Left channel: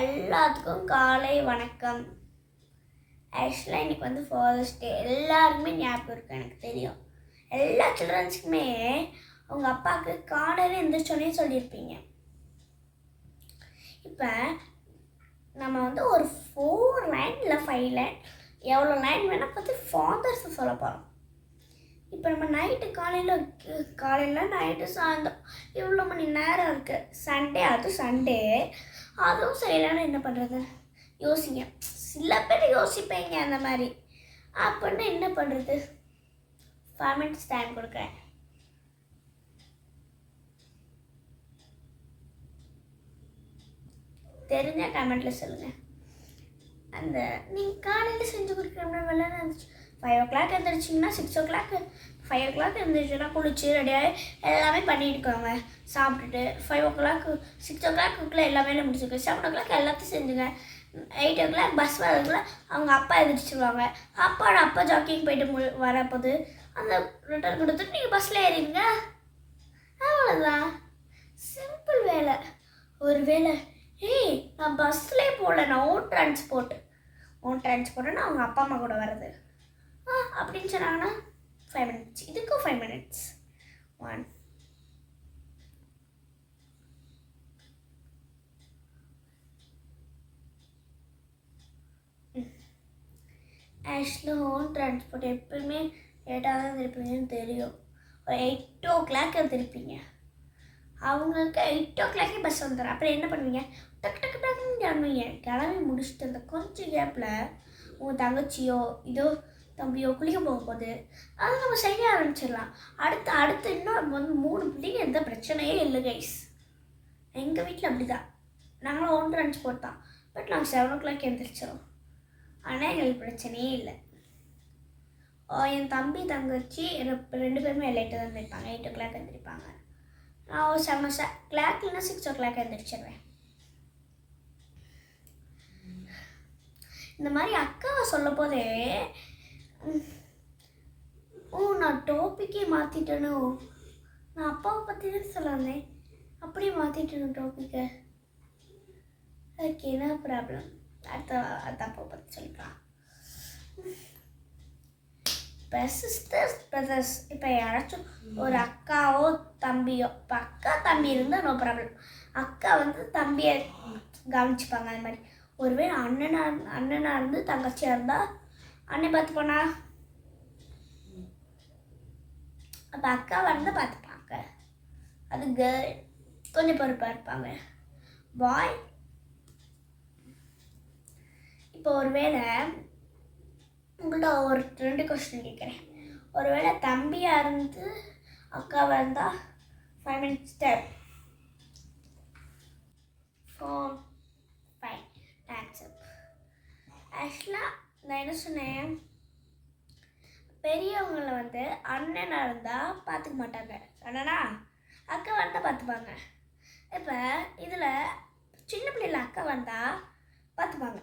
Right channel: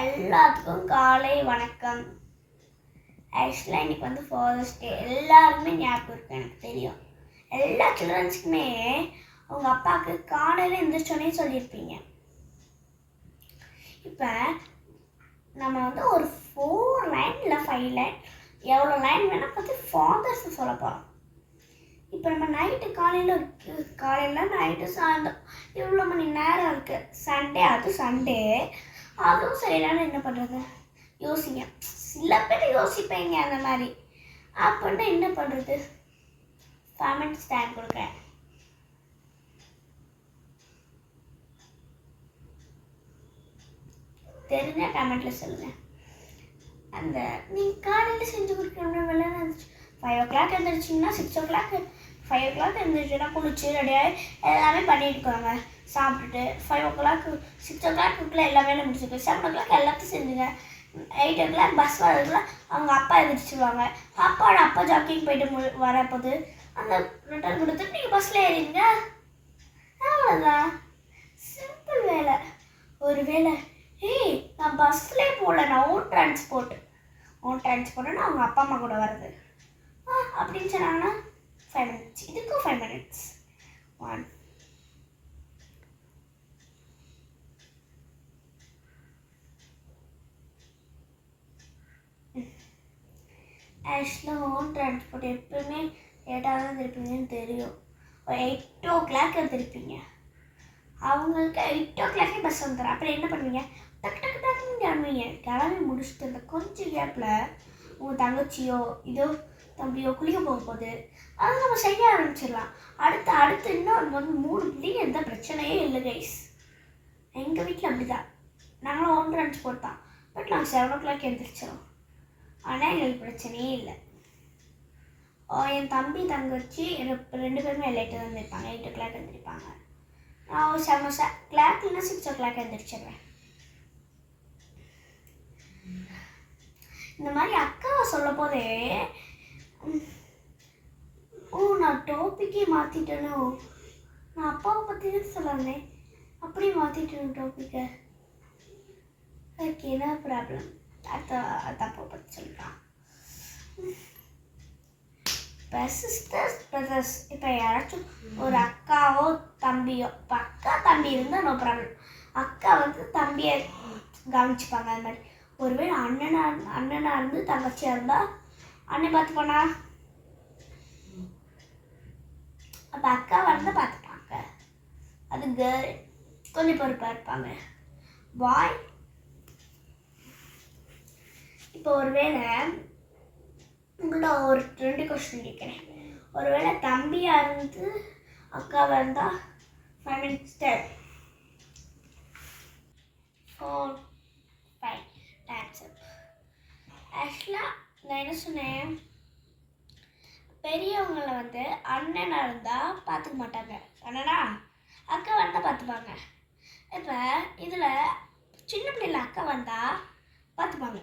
எல்லாத்துக்கும் காலை வணக்கம். ஆக்சுவலாக இன்னைக்கு வந்து ஃபாதர்ஸ் டே எல்லாருக்குமே ஞாபகம் இருக்கும் எனக்கு தெரியும். எல்லா சில்ட்ரன்ஸுக்குமே அவங்க அப்பாவுக்கு காலையில் எழுந்திரிச்சோன்னே சொல்லியிருப்பீங்க. இப்போ நம்ம வந்து ஒரு ஃபோர் லைன் இல்லை ஃபைவ் லைன் எவ்வளோ லைன் வேணால் பார்த்து ஃபாதர்ஸ் சொல்ல போகிறோம் இப்போ நம்ம நைட்டு காலையில் காலையில் நைட்டு சாயந்தரம். இவ்வளோ மணி நேரம் இருக்குது சண்டே அது சண்டே அதுவும் செய்யலான்னு என்ன பண்ணுறது யோசிங்க. சில பேர் யோசிப்பீங்க அந்த மாதிரி. அப்படின்னா என்ன பண்ணுறது ஃபைவ் மினிட்ஸ் டைம் கொடுக்குறேன். தெரிஞ்ச கமெண்ட்டில் சொல்லுங்கள் அந்த நீங்கள் காலையில் செஞ்சு கொடுக்கணும் வேலை ஃபைவ் ஓ கிளாக் எழுந்திரிச்சிங்கன்னா six o'clock five o'clock எழுந்திரிச்சுன்னா குளிச்சு ரெடியாகி எல்லாமே பண்ணிட்டுக்கோங்க சாப்பிட்டுட்டு ஃபைவ் ஓ கிளாக் சிக்ஸ் ஓ கிளாக்குள்ளே எல்லா வேலையும் முடிச்சுக்கு செவன் ஓ கிளாக் எல்லாத்தையும் செஞ்சுங்க எயிட் ஓ கிளாக் பஸ் வரதுக்குள்ள அவங்க அப்பா எழுந்திரிச்சிருவாங்க அப்பா அப்பா ஜாக்கிங் போயிட்டு மு வரப்போது. அந்த ரிட்டர்ன் கொடுத்துட்டு நீங்கள் பஸ்ஸில் ஏறிடுங்க. அவ்வளோதான் சிம்பிள் வேலை. ஒரு வேலை ஏய் நான் பஸ்லேயே போகல நான் ஓன் டிரான்ஸ்போர்ட் ஓன் டிரான்ஸ்போர்ட்னா அவங்க அப்பா அம்மா கூட வர்றது. ஆ அப்படின்னு சொன்னாங்கன்னா ஃபைவ் மினிட்ஸ் இதுக்கும் ஃபைவ் மினிட்ஸ் ஒன் ஆக்சுவலாக ஓன் டிரான்ஸ்போர்ட் எப்பயுமே லேட்டாக தான் திருப்பீங்கன்னு தெரியும். ஒரு எயிட் ஓ கிளாக் திருப்பீங்க. அவங்களுக்கு எயிட் ஓ கிளாக்கே பஸ் வந்துடும் அப்புறம் என்ன பண்ணுவீங்க? டக்கு டக்கு டக்குன்னு கிளம்புவீங்க. கிளம்பி முடிச்சுட்டு அந்த கொஞ்சம் கேப்பில் உங்கள் தங்கச்சியோ இதோ தம்பியோ குளிக்க போக போகுது அதை நம்ம செய்ய ஆரம்பிச்சிடலாம். அடுத்து அடுத்து இன்னும் வந்து மூணு பிள்ளைங்க எந்த பிரச்சனையே இல்லை கைஸ் எங்கள் வீட்டில் அப்படி தான் நாங்களும் ஒன் டிரான்ஸ்போர்ட் தான். பட் நாங்கள் செவன் ஓ கிளாக் எழுந்திரிச்சிடும் ஆனால் எங்களுக்கு பிரச்சனையே இல்லை. ஓ, என் தம்பி தங்கச்சி ரெண்டு பேருமே லேட்டாக தான் இருந்திருப்பாங்க எயிட் ஓ கிளாக் எழுந்திருப்பாங்க நான் செவன் ஓ கிளாக் இல்லைன்னா சிக்ஸ் ஓ கிளாக் எழுந்திரிச்சிடுவேன் இந்த மாதிரி அக்காவை சொல்ல போதே ஓ நான் டாப்பிக்கே மாற்றிட்டேனோ நான் அப்பாவை பற்றி தான் சொல்ல வந்தேன் அப்படியே மாற்றிட்டேன் டாப்பிக்கை ஓகே என்ன ப்ராப்ளம் அடுத்த அடுத்த பற்றி சொல்கிறான் இப்போ பிரதர்ஸ் இப்போ யாராச்சும் ஒரு அக்காவோ தம்பியோ இப்போ அக்கா தம்பி இருந்தால் நோ ப்ராப்ளம் அக்கா வந்து தம்பியை கவனிச்சுப்பாங்க அது மாதிரி. ஒருவேளை அண்ணனா அண்ணனாக இருந்து தங்கச்சியாக இருந்தால் அண்ணன் பார்த்துப்போனா அப்போ அக்கா வந்து பார்த்துப்பாங்க. அது கேர்ள் கொஞ்சம் பொறுப்பாக இருப்பாங்க. பாய் இப்போ ஒருவேளை உங்கள்கிட்ட ஒரு ரெண்டு கொஸ்டின் கேட்குறேன். ஒருவேளை தம்பியாக இருந்து அக்காவாக இருந்தால் five minutes time four five times up ஆக்சுவலாக நான் என்ன சொன்னேன்? பெரியவங்களை வந்து அண்ணனாக இருந்தால் பார்த்துக்க மாட்டாங்க. அண்ணனா அக்கா வந்தால் பார்த்துப்பாங்க இப்போ இதில் சின்ன பிள்ளைல அக்கா வந்தால் பார்த்துப்பாங்க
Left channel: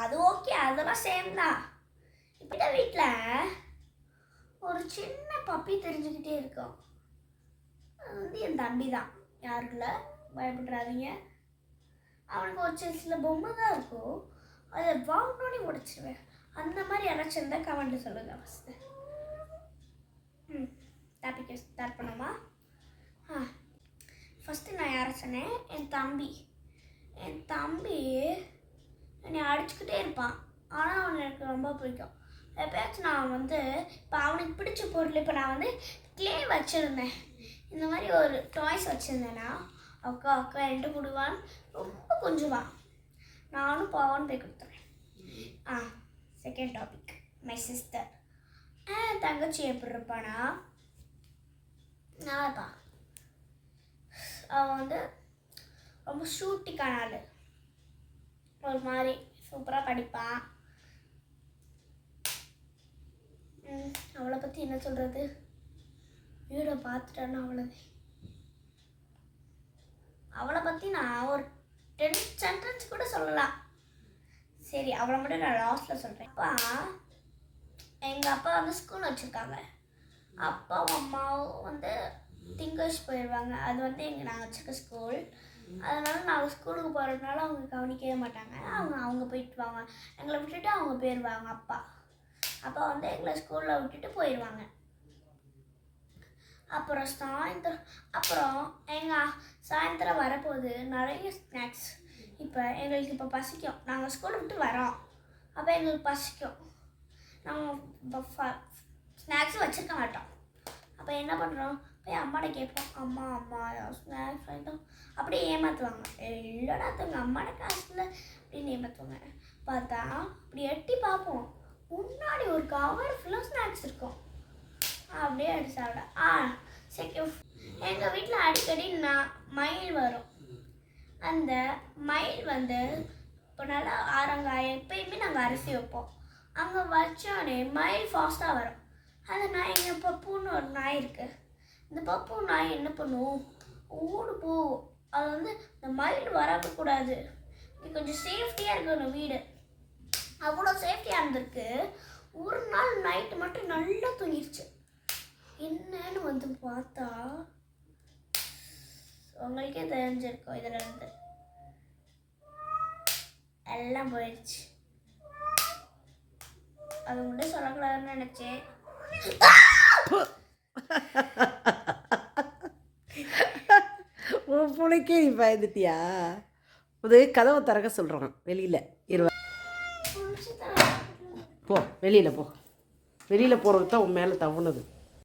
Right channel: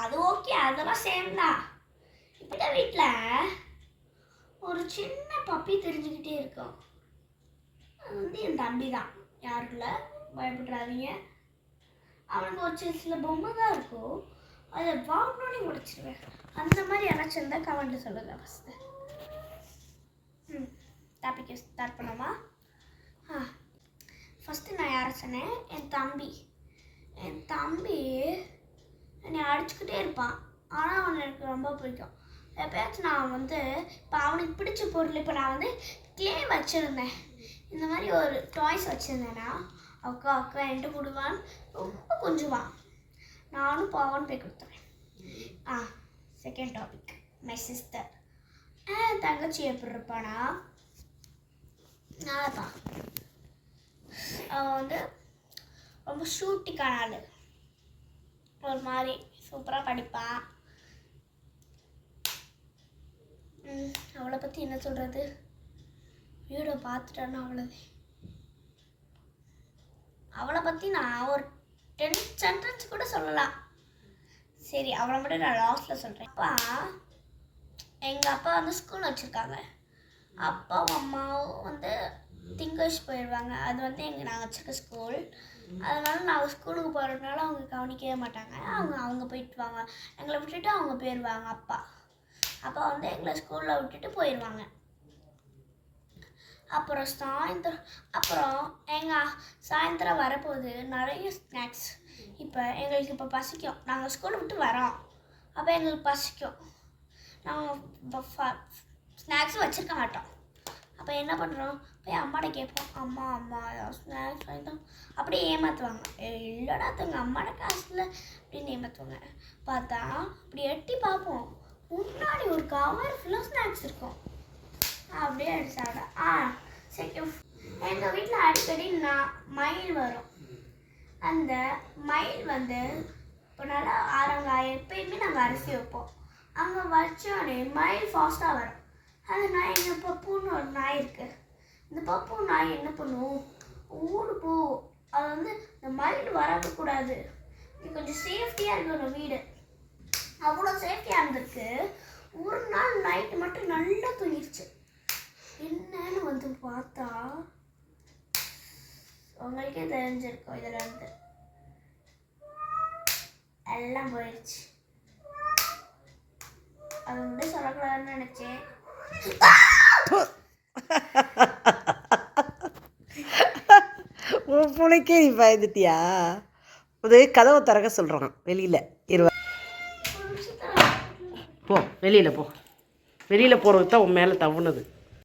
அது ஓகே அதெல்லாம் சேம் தான். இப்போ வீட்டில் ஒரு சின்ன பப்பி தெரிஞ்சுக்கிட்டே இருக்கும். அது வந்து என் தம்பி தான். யாருக்குள்ள? பயப்படுறாதீங்க அவனுக்கு ஒரு சில சில பொம்மை தான் இருக்கும். அதை வாங்கினோடனே முடிச்சிடுவேன் அந்த மாதிரி யாராச்சும் இருந்தால் கமெண்ட்டு சொல்லுங்கள் ஃபஸ்ட்டு ம் டாபிக் ஸ்டார்ட் பண்ணோமா ஆ ஃபஸ்ட்டு நான் யாரை சொன்னேன்? என் தம்பி. என் தம்பி என்னை அடிச்சுக்கிட்டே இருப்பான். ஆனால் அவனை எனக்கு ரொம்ப பிடிக்கும். எப்பயாச்சும் நான் வந்து இப்போ அவனுக்கு பிடிச்ச பொருள் இப்போ நான் வந்து கிளே வச்சுருந்தேன். இந்த மாதிரி ஒரு டாய்ஸ் வச்சுருந்தேன்னா அக்கா அக்கா என்கிட்ட கொடுவான் ரொம்ப கொஞ்சுவான் நானும் பாவான்னு போய் கொடுத்துறேன். ஆ second topic my sister uh தங்கச்சி எப்படி இருப்பானா? நாளைப்பா அவன் வந்து ரொம்ப ஷூட்டிக்கான ஆள். ஒரு மாதிரி சூப்பராக படிப்பான் ம், அவளை பற்றி என்ன சொல்கிறது வீடியோ பார்த்துட்டேன்னா அவ்வளோது அவளை பற்றி நான் ஒரு டென் சென்டென்ஸ் கூட சொல்லலாம். சரி அவளை மட்டும் நான் லாஸ்ட்டில் சொல்கிறேன் அப்பா எங்கள் அப்பா வந்து ஸ்கூல் வச்சுருக்காங்க. அப்பாவும் அம்மாவும் வந்து திங்கர்ஸ் போயிடுவாங்க அது வந்து எங்கள் நாங்கள் வச்சுருக்க ஸ்கூல் அதனால நான் ஸ்கூலுக்கு போகிறதுனால அவங்க கவனிக்கவே மாட்டாங்க. அவங்க அவங்க போயிட்டு வாங்க. எங்களை விட்டுட்டு அவங்க போயிடுவாங்க அப்பா. அப்பா வந்து எங்களை ஸ்கூலில் விட்டுட்டு போயிடுவாங்க அப்புறம் சாயந்தரம் அப்புறம் எங்கள் சாயந்தரம் வரப்போது நிறைய ஸ்நாக்ஸ் இப்போ எங்களுக்கு இப்போ பசிக்கும். நாங்கள் ஸ்கூலை விட்டு வரோம். அப்போ எங்களுக்கு பசிக்கும். நாங்கள் ஸ்நாக்ஸும் வச்சுருக்க மாட்டோம். அப்போ என்ன பண்ணுறோம் போய் அம்மாட்ட கேட்போம். அம்மா அம்மா ஸ்நாக்ஸ் வாங்கிட்டோம் அப்படியே ஏமாற்றுவாங்க இல்லைடா தங்க அம்மாட காசு இல்லை அப்படின்னு ஏமாற்றுவாங்க பார்த்தா அப்படி எட்டி பார்ப்போம். முன்னாடி ஒரு கவர் ஃபுல்லாக ஸ்நாக்ஸ் இருக்கும். அப்படியே அடிச்சு சாப்பிட ஆ சரி எங்கள் வீட்டில் அடிக்கடி நான் மயில் வரும். அந்த மயில் வந்து இப்போ நல்லா ஆரங்காய் எப்பயுமே நாங்கள் அரிசி வைப்போம். அங்கே வச்சோடனே மயில் ஃபாஸ்ட்டாக வரும். அந்த நாய் எங்கள் பப்புன்னு ஒரு நாய் இருக்கு. இந்த பப்பு நாய் என்ன பண்ணுவோம் ஓடு போ. அது வந்து இந்த மயில் வரக்கூடாது இது கொஞ்சம் சேஃப்டியாக இருக்கணும் வீடு. அவ்வளோ சேஃப்டியாக இருந்திருக்கு. ஒரு நாள் நைட்டு மட்டும் நல்லா தூங்கிடுச்சு என்னன்னு வந்து பார்த்தா உங்களுக்கே தெரிஞ்சிருக்கும் இதில் இருந்து எல்லாம் போயிடுச்சு. அது மட்டும் சொல்லக்கூடாதுன்னு நினச்சேன். உன் பிள்ளைக்கே நீ பயந்துட்டியா? அது கதவை திறக்க சொல்கிறான் வெளியில். இருவா போ வெளியில் போ. வெளியில் போகிறதுக்கு தான் உன் மேலே தவுனது